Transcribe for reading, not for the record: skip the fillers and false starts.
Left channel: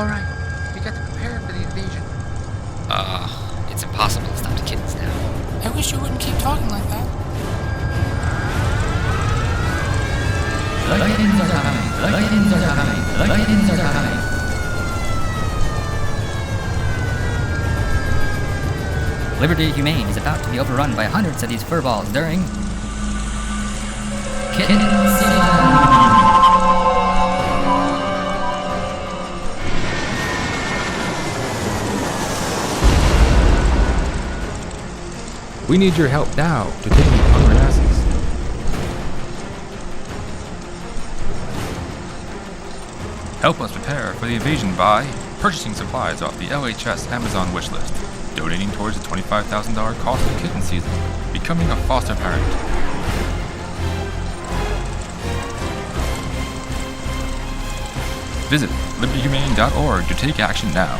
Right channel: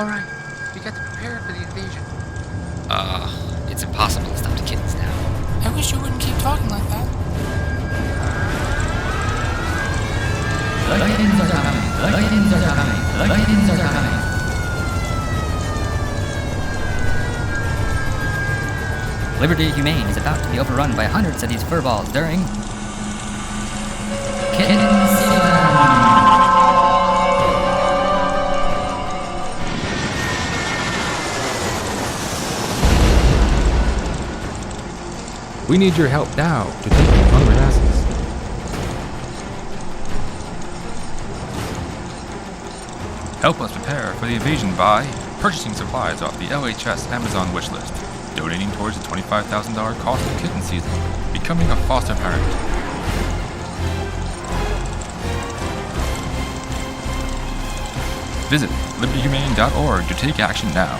Alright, we got to prepare for the invasion. It's impossible to stop the kittens now. I wish you wouldn't keep talking like that. The kittens are coming. The kittens are coming. The kittens are coming. Liberty Humane is about to be overrun by hundreds of these furballs during Kitten season. We need your help now to take these hungry masses. Help us prepare for the invasion by purchasing supplies off the LHS Amazon wishlist, donating towards the $25,000 cost of kitten season, becoming a foster parent. Visit libertyhumane.org to take action now.